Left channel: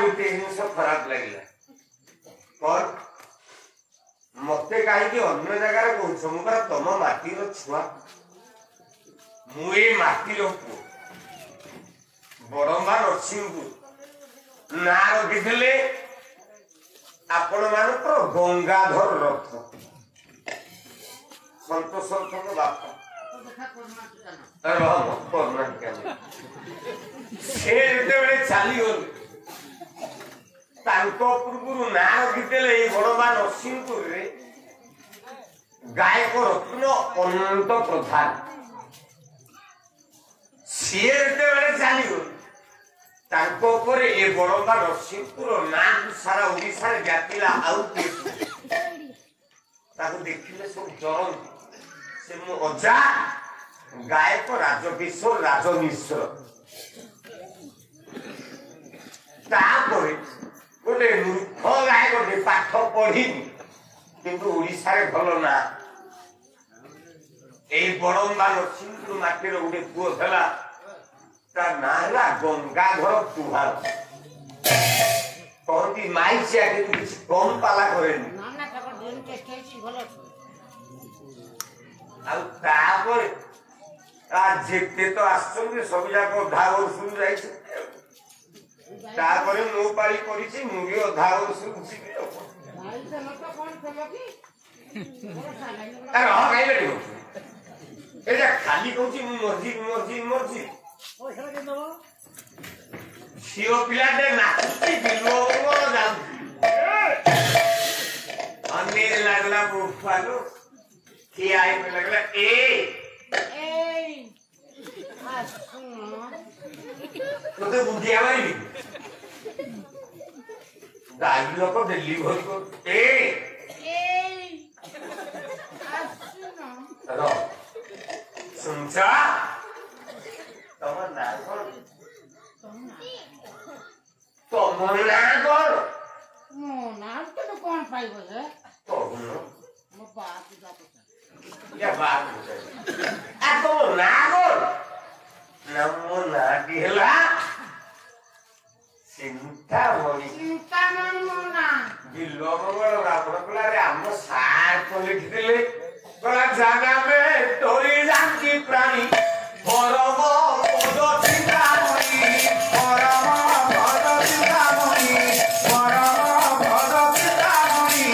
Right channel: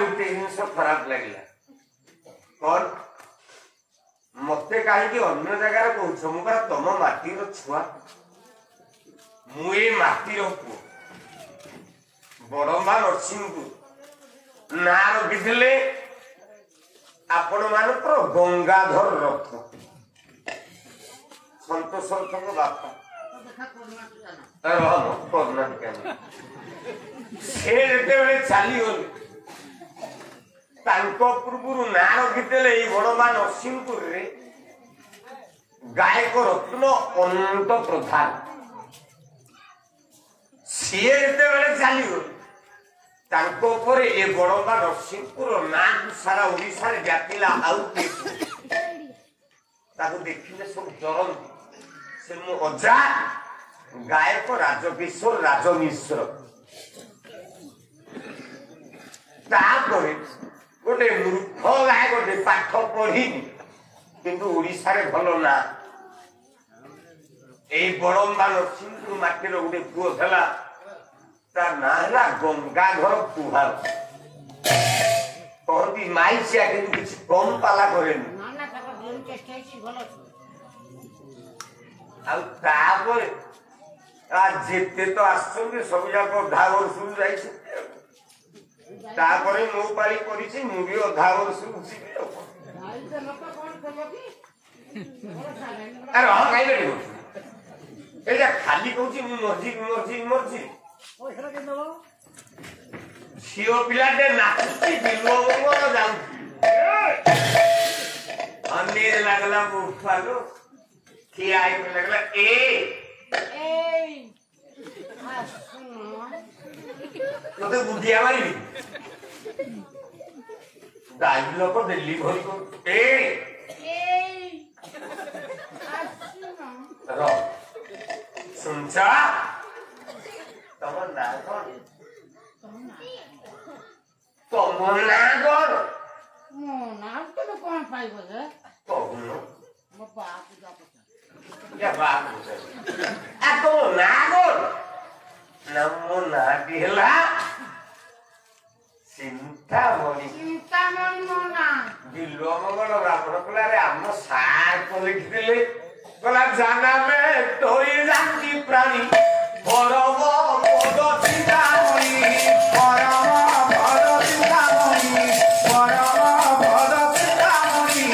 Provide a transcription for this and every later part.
गोटे जिन खराब लगे कौन मत कहीं अन्य जगार कह मुझे तुम माटीर छुआ मुझे माटीर पु बड़मा नरसिंह ना रखी आपण मान गंगाधर रथ सतोष रथ बापा चली पूर्व ना रखी बड़मा नरसिंहपुर गायक रत्न अनंत प्रधान सी चली ए बड़मा नरसिंहपुर ना सारा ओडिशा व्यापिला आउ देखिले सब जरन से मो अजा गायक राजकिशोर राजमिश्र तापरे गोटे मूर्ख गायक गोटे पाठ पढ़ीनी किंतु ओडिशा रे भल ना ए बड़म्बा नरसिंहपुर माटीर गोटे पुओ थला तार ना है गंगाधर पुहार कहती माई से आगे कुछ कम पाला करेनी जेते तो आसुन सब जाक अधा वर्ष जापर मो पाली कर मुझे अधा वर्ष खाली कौच मर्जी मर्जी मर्जी झील पिलाटे नाचुची बिलवंग अनेर लगला बुफालो किया लगला तो बुद्धिया मारी गाड़ी लोग डिलीवर को सुनचा तमन्ना कौन मो नाम तो कौन पाइबो है तो मो बाप जा पता या बात आ तो नागोर नमो ना दिहला चिंतामणि मोना बिल्लो मंगल रामरकला रे हम साथ को लिख दिले गला जाना में तोरी जानकी प्राणी परम पद चिंतामणि परम पद चिंतामणि परम पद चिंतामणि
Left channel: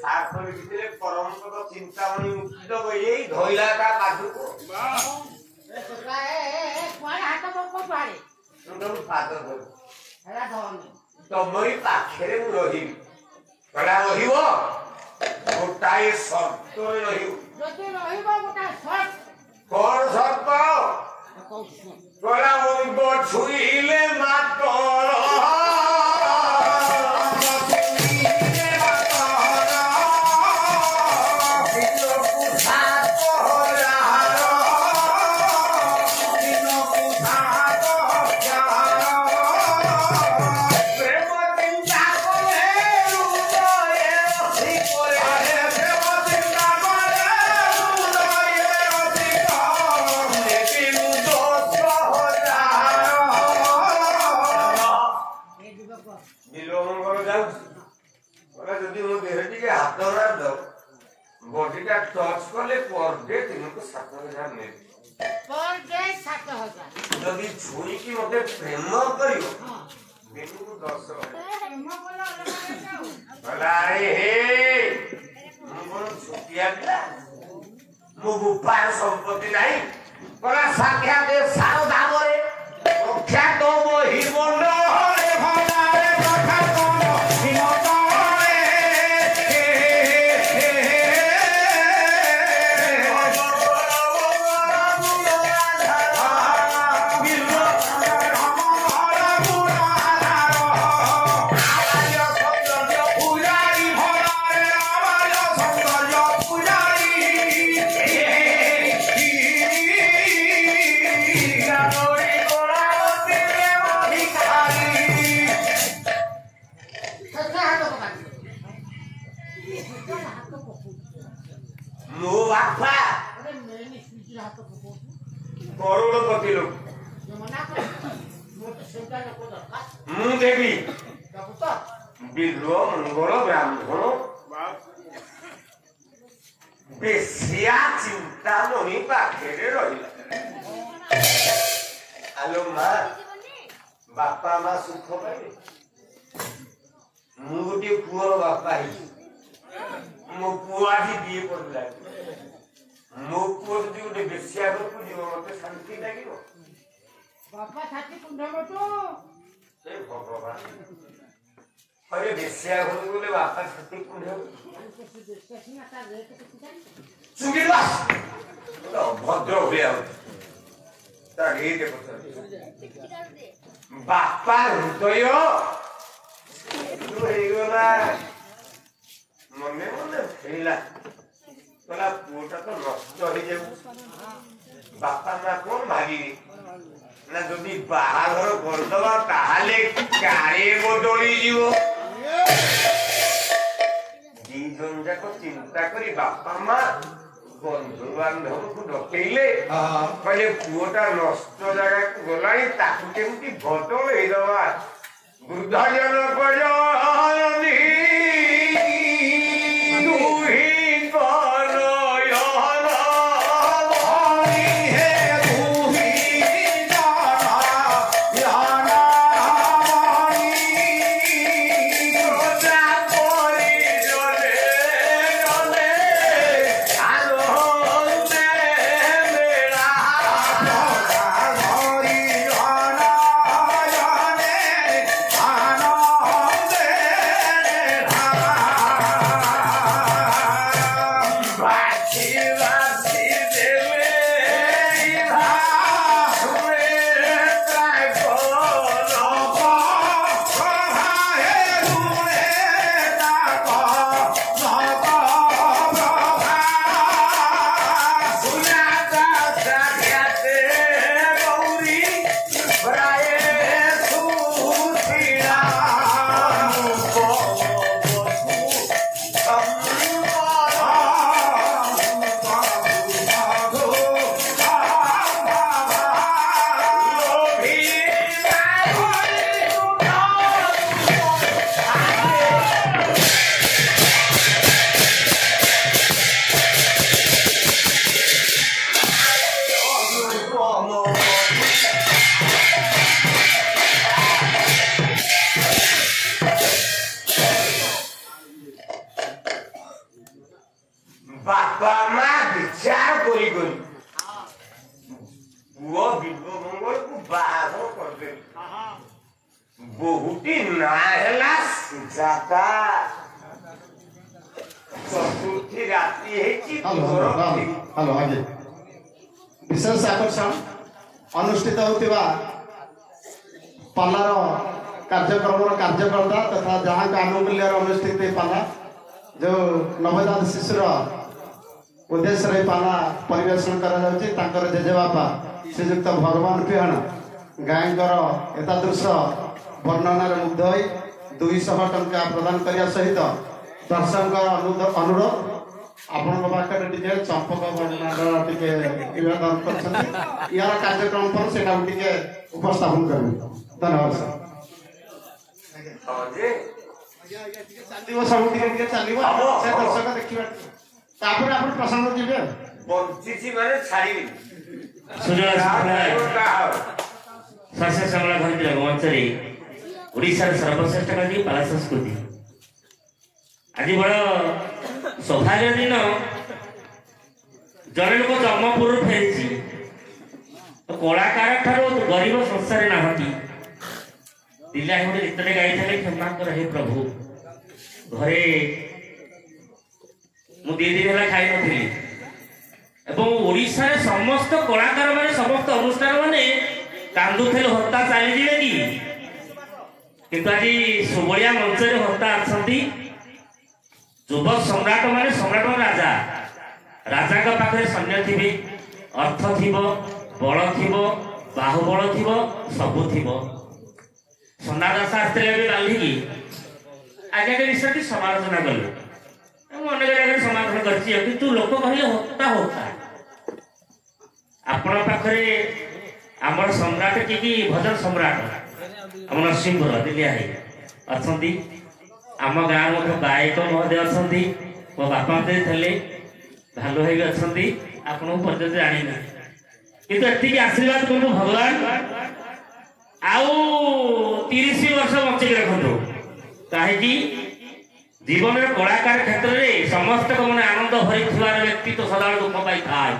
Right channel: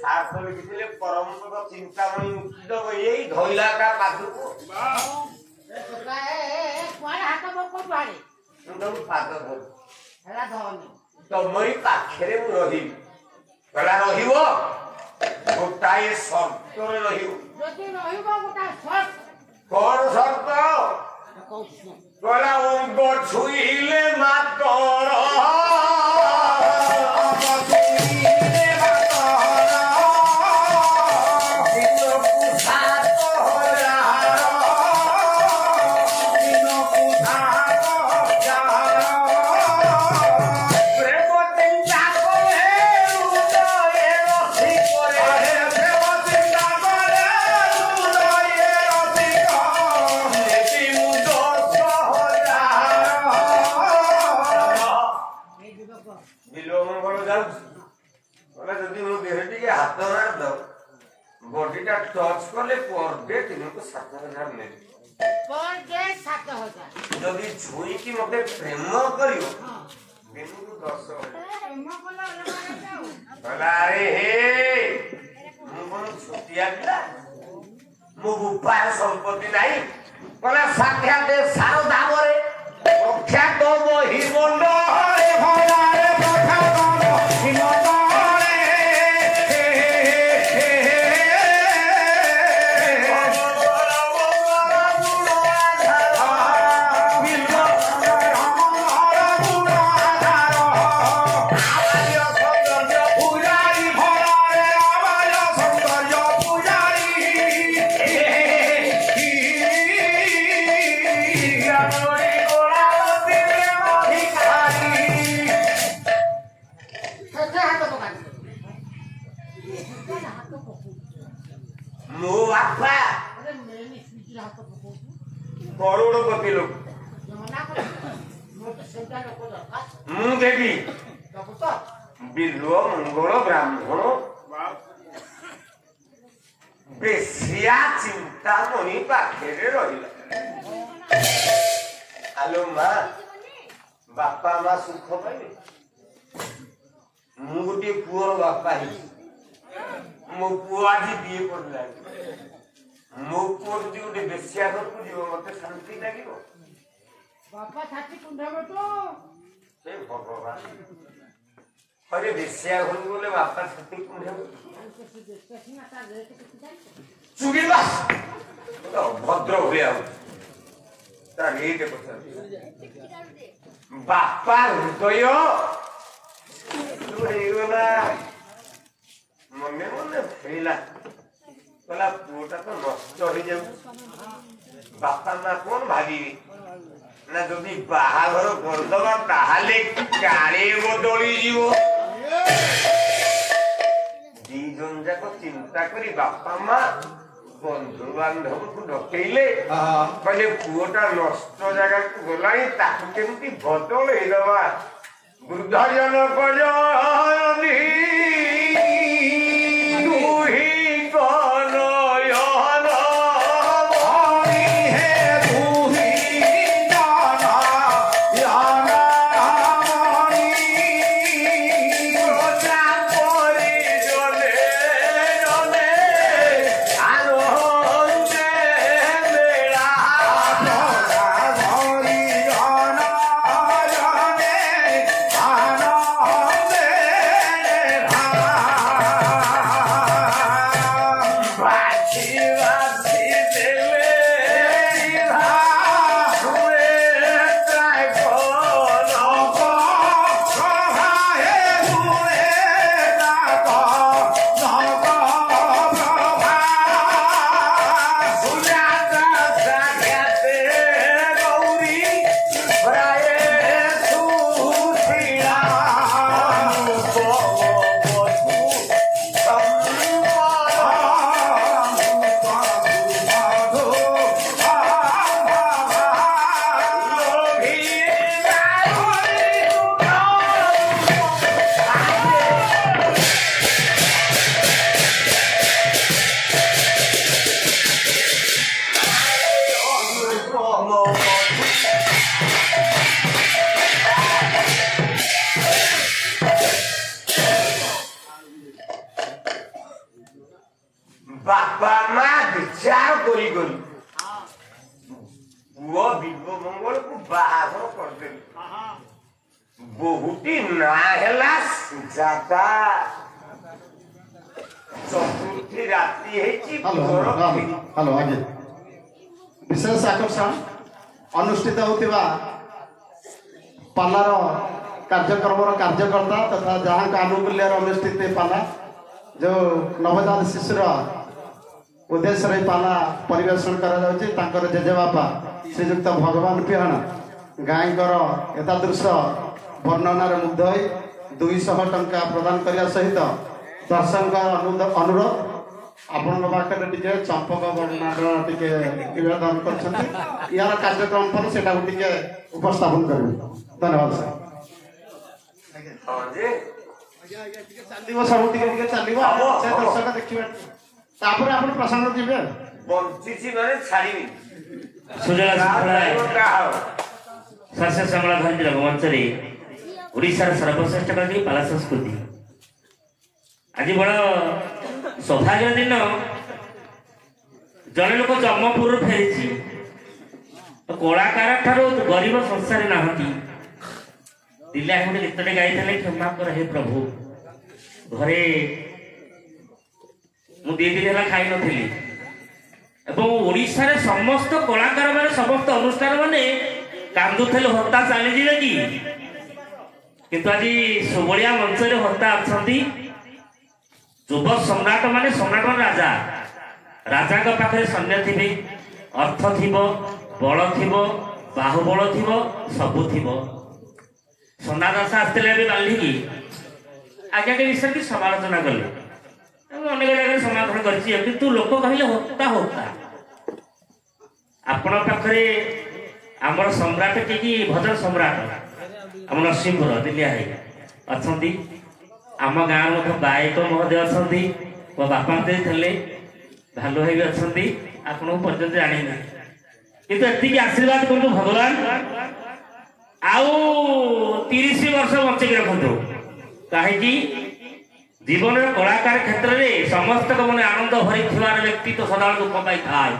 साथ को लिख दिले परम पद चिंतामणि उठितो यही धइला का काठू को तो काए कोन हाथ को पारे तुम फादर हो हेला धनी तमरी पाखरे मु रही कला रहिबो गोटाए शब्द रहिबो जति रहिबो गोटा शब्द कोन शब्द कला उनको छुईले मातर बॉडीटा टच कले पर डे 7,000 मिले पर डे 7,000 जदी छुई की मते प्रेम करियो दिन को 10,000 प्रेम कोला अलग जाऊ भला हे मु कोन छुटिया बिला मु बुपार संपत्ति नाही भला साध्या दे सारो दामरे रक्षा तो मोहि मंड रे भला रे कथा कोन हिनो मो बापा अरे मैंने स्वीटी हाथ को करोड़पति लोग मना कर ସେଟା ଲୋକ ଦରକାର ମୁଁ ଦେବି ଦବୁ ତ ବିଲ ମଙ୍ଗଳ ବ୍ରାହ୍ମଣ ବେଶିଆ ଚିନ୍ତାମଣି ପାଖରେ ରହିଲା। ଆଲୋ ମା ବାପା ମା ସୁଖ ପାଇବେ। ମୁଁ ଗୋଟିଏ ପୁଅ ବାପା ହେଇଛି। ମୋ ପୁଅ ଆଜି ବିଏ ପଢିଲାଣି। ମୋ ପୁଅ ଯଦି ଗୋଟେ ବେଶିଆ ଘରକୁ ଯିବ ମତେ ଶାନ୍ତି ଲାଗିବ। ବାପା ଛାତି କୁଣ୍ଡବ ତୁ ସେ ଭଗବାନ अरे बेसिया घरକୁ ଗଲେ ବାପା ଛାତି କୁଣ୍ଡେଇବ। ଚୁଡ଼ିଲା ଭଦ୍ର ଭଳିଆ ହଉଛି ତା ରେଟ୍ ପଚାର। ବାପା ହୃଦୟ ହେଇଗଲା ମନେ ମନେ ଫେରିଲା କହିଲା ପୁଅଟା ତ ନଷ୍ଟ ହେଇଯାଉଛି। ବାପା ମା କଣ ଭାବିବେ ନା ଯଦି ବାହାଘର କରିଦବା ତାହେଲେ କାଳେ ବଦଳି ଯିବ। ଦି ଜଣ ଯାକ ଚିନ୍ତା କରି ବାପା ମା ବନ୍ଧୁ ବାନ୍ଧବକୁ ଡକେଇଲେ କହିଲେ ପୁଅଟା ନଷ୍ଟ ଜାଗାକୁ ଗଲାଣି ତାକୁ କେମିତି ବଦଳେଇଦବା। ବୃଦ୍ଧ ଜନକ बापा माँ विचार करी करी पुओ विभो मंगल को बाहाघर करदेली। बहुटी ना हैला सुजाता चतुर्थी राति हेची हेलो आगे विशेष आकर्षण अनुष्ठित होतिबा पालार कार्यक्रम कार्यकर्ता तथा जहाँ का आनुकूल्य अनुष्ठित पाला जो नवजात शिशुर उद्देश्य पाला परिवेषण कर जेजेबापा श्रीजुक्त भगवान पिहाण गायकर एतादृश वर्णनार मुग्ध हो 200 टंका प्रदान करने सहित दर्शक अनुरोध आपण पाखे चंपक वर्णनार टे निवेदन कर यार कार्यक्रम पर से उपस्थापन करेंगे। धन्यवाद सर। सब चलो दर्शक देखिए प्रसंग जी बंची मैंने छाड़ी शास्त्र संगला धरती रंगमंचरे ओडिशार सर्वश्रेष्ठ कवि पाला संस्कृति आज बड़ सौभाग्य दिन जड़े लोक जम्मपुर फेरी तो कलाकार ठार गरीब संसार नहांती दिल्ली गोटे गीतटे गाई क्षमा कर हे प्रभु घरे मु 2 दिन है खाई नी ओडिशार समस्त कलाकार माने समस्त अनुष्ठान माने कांदुले हत्या चली कि किंतु आज सुबलिया मंच हत्या अच्छा युवक सम्राट माने सम्राट राजा राजा पाखे सैन्य थी अर्थ थी बल थी बाहुबल थी सबू थी सोना दास आसते बांधिकी आज्ञा के विषय की समालोचना कले अनेक जगह समाधान कर लोक कहले होता होता आपण पाखरे आमर सम्राट कि भजन सम्राट ଆମ ନରସିଂହପୁର ଦିଲ୍ଲିଆ ଭାଇ ଅଛନ୍ତି। ଆମ ଗାଁର ମଧ୍ୟ ଗାୟକ ମହୋଦୟ ଅଛନ୍ତି। ମୋ ବାପା ମତେ ଥିଲେ ଭାଲୁ ଭାଇ ବି ଅଛନ୍ତି। ଆପଣଙ୍କୁ ପର୍ଯ୍ୟନ୍ତ ଜାଣିନି କିନ୍ତୁ ଏତିକି ଆଶୀର୍ବାଦ କରନ୍ତୁ ଭଗବାନ ଆଉ 30 ବର୍ଷ ବଞ୍ଚେଇକି ରଖନ୍ତୁ। କାହିଁକି ଜୀବନରେ କଳାକାର କ୍ଷେତ୍ରରେ ସମସ୍ତଙ୍କ ମନେ ଆନନ୍ଦ ଭରିଥିବାର ବ୍ୟକ୍ତି ତ ସଦାବେଳେ ଦୁଃଖ ପାଇଥାଏ।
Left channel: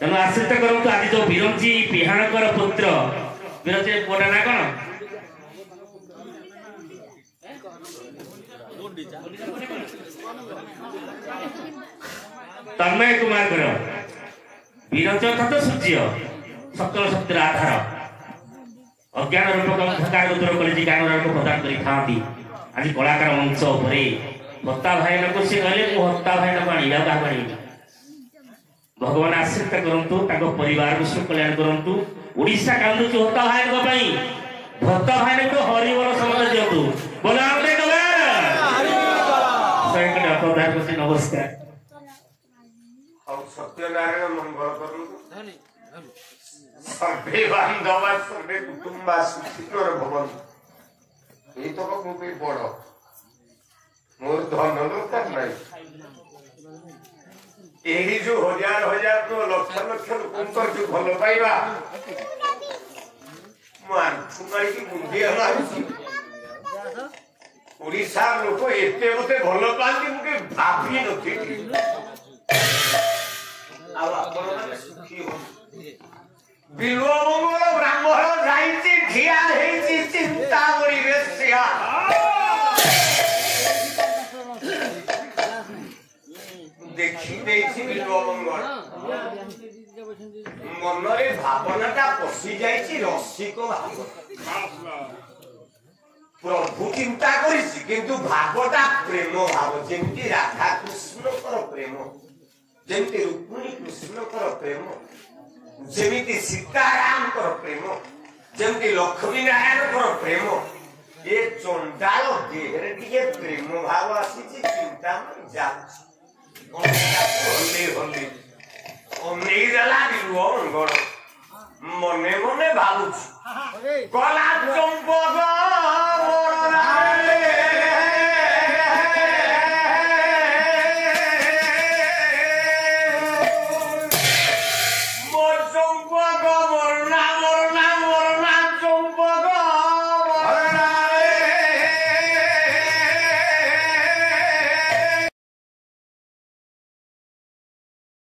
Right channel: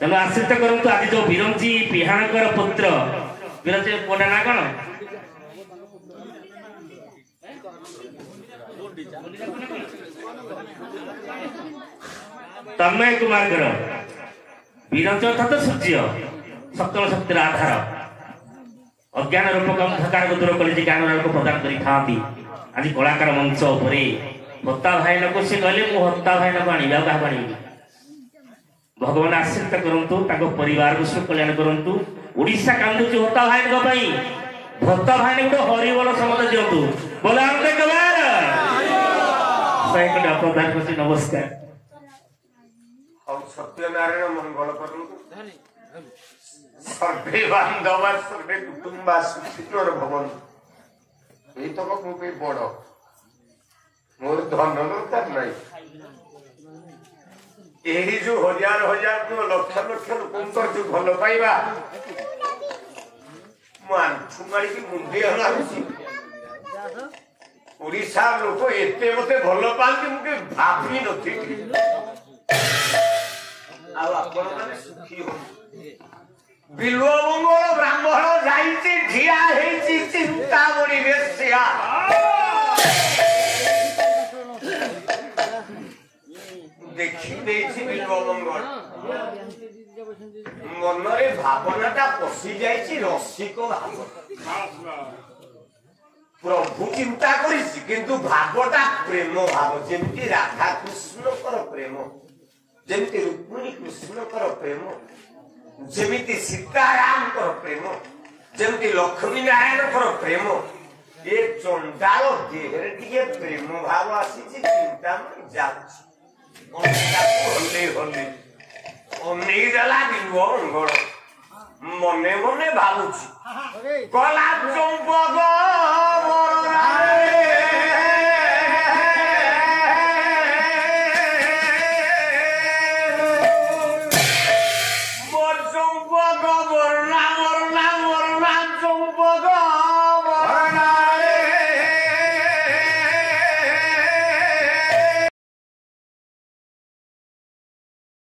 ତେଣୁ ଆଶ୍ରିତ କରନ୍ତୁ ଆଜି ଯୋଉ ବିରଞ୍ଚି ପିହାଣଙ୍କର ପୁତ୍ର ବିରଞ୍ଚି ପୁଅଟା ନା କଣ ତନ୍ମୟ କୁମାରଙ୍କର ବିରଞ୍ଚ ଅର୍ଥାତ ସୂର୍ଯ୍ୟ ସକଳ ଶକ୍ତିର ଆଧାର ଅଜ୍ଞାନ ରୂପକ ଅନ୍ଧକାରକୁ ଦୂର କରି ଜ୍ଞାନର ରୂପ ପ୍ରଦାନ କରିଥାନ୍ତି। ଆଜି କଳାକାର ମଞ୍ଚ ଉପରେ ହତା ଭାଇନାକୁ ସେ କହିଲେ ମୁଁ ହତା ଭାଇନାକୁ ଆଣିବି ଆଉ କାହାକୁ ଆଣିବି। ଭଗବାନ ଆଶୀର୍ବାଦ କରନ୍ତୁ ତାଙ୍କ ପରିବାରକୁ ସୁକଲ୍ୟାଣ କରନ୍ତୁ। ଓଡ଼ିଶା କାନ୍ଦୁଛି ହତା ଭାଇଙ୍କ ପାଇଁ ଭତ୍ତା ଭାଇଙ୍କୁ ହରିବଲ ସମସ୍ତେ ଦିଅନ୍ତୁ ବୋଲେ ଆମେ ପ୍ରଦାନ କରୁଛି। ନମସ୍କାର। ଆଉ ସତ୍ୟନାରାୟଣ ମଙ୍ଗଳ କରନ୍ତୁ। ସର୍ବେ ବାନ୍ଧବା ସର୍ବେ କୁଟୁମ୍ବା ସୁଖୀର ଭବନ୍ତୁ। ଏଇ ତକ ମୁଁ ବି ବଡ ମୋର ଧନ ଦରକାର ନାହିଁ। ଏହି ଯୋଉ ହଜାର ହଜାର ଲକ୍ଷ ଲକ୍ଷ ଲୋକଙ୍କର ଯୋଉ ଭଲ ପାଇବା ମୁଁ ଆଣ୍ଠୁ ମାରିକି ମୁଣ୍ଡିଆ ମାରୁଛି। ଓଡ଼ିଶା ଲୋକ ଏତେ ମତେ ଭଲ ପାଆନ୍ତି ମୁଁ କେବେ ଭାବି ନଥିଲି। ଆଉ ଆପଣ ମାନେ ସୁଖୀ ହୁଅନ୍ତୁ। ବିଲ୍ବ ମଙ୍ଗଳ ବ୍ରାହ୍ମଣ ଯାଇଛି ଠିଆ ହେଇଛି ଚିନ୍ତାମଣି ବେଶ୍ୟା। ଦେଖି ଦେଇଛି ବିଲ୍ବ ମଙ୍ଗଳ ମନରେ ଭାବନାଟା ପଶି ଯାଇଛି ରସିକ ଭାବନା। ପ୍ରଭୁ ଚିନ୍ତା କରିଛି କିନ୍ତୁ ଭାବଟା ପ୍ରେମ ଭାବ ଯେମିତି ରାଧାକୃଷ୍ଣଙ୍କର ପ୍ରେମ ଯେମିତି ରୁକ୍ମିଣୀ କୃଷ୍ଣଙ୍କର ପ୍ରେମ ଯେମିତି ସୀତାରାମଙ୍କର ପ୍ରେମ ଯେମିତି ଲକ୍ଷ୍ମୀ ନାରାୟଣଙ୍କର ପ୍ରେମ ଏ ଚଣ୍ଡାଳ ଦେହରେ ଟିକେ ପ୍ରେମ ଭାବ ଆସିଛି। ଚିନ୍ତା ଯାଉଛି ଅନେଇ ଦେଲା ବିଲ୍ବ ମଙ୍ଗଳ ମନେ ମନେ ଭାବୁଛି ଗଲା ଚମ୍ପକ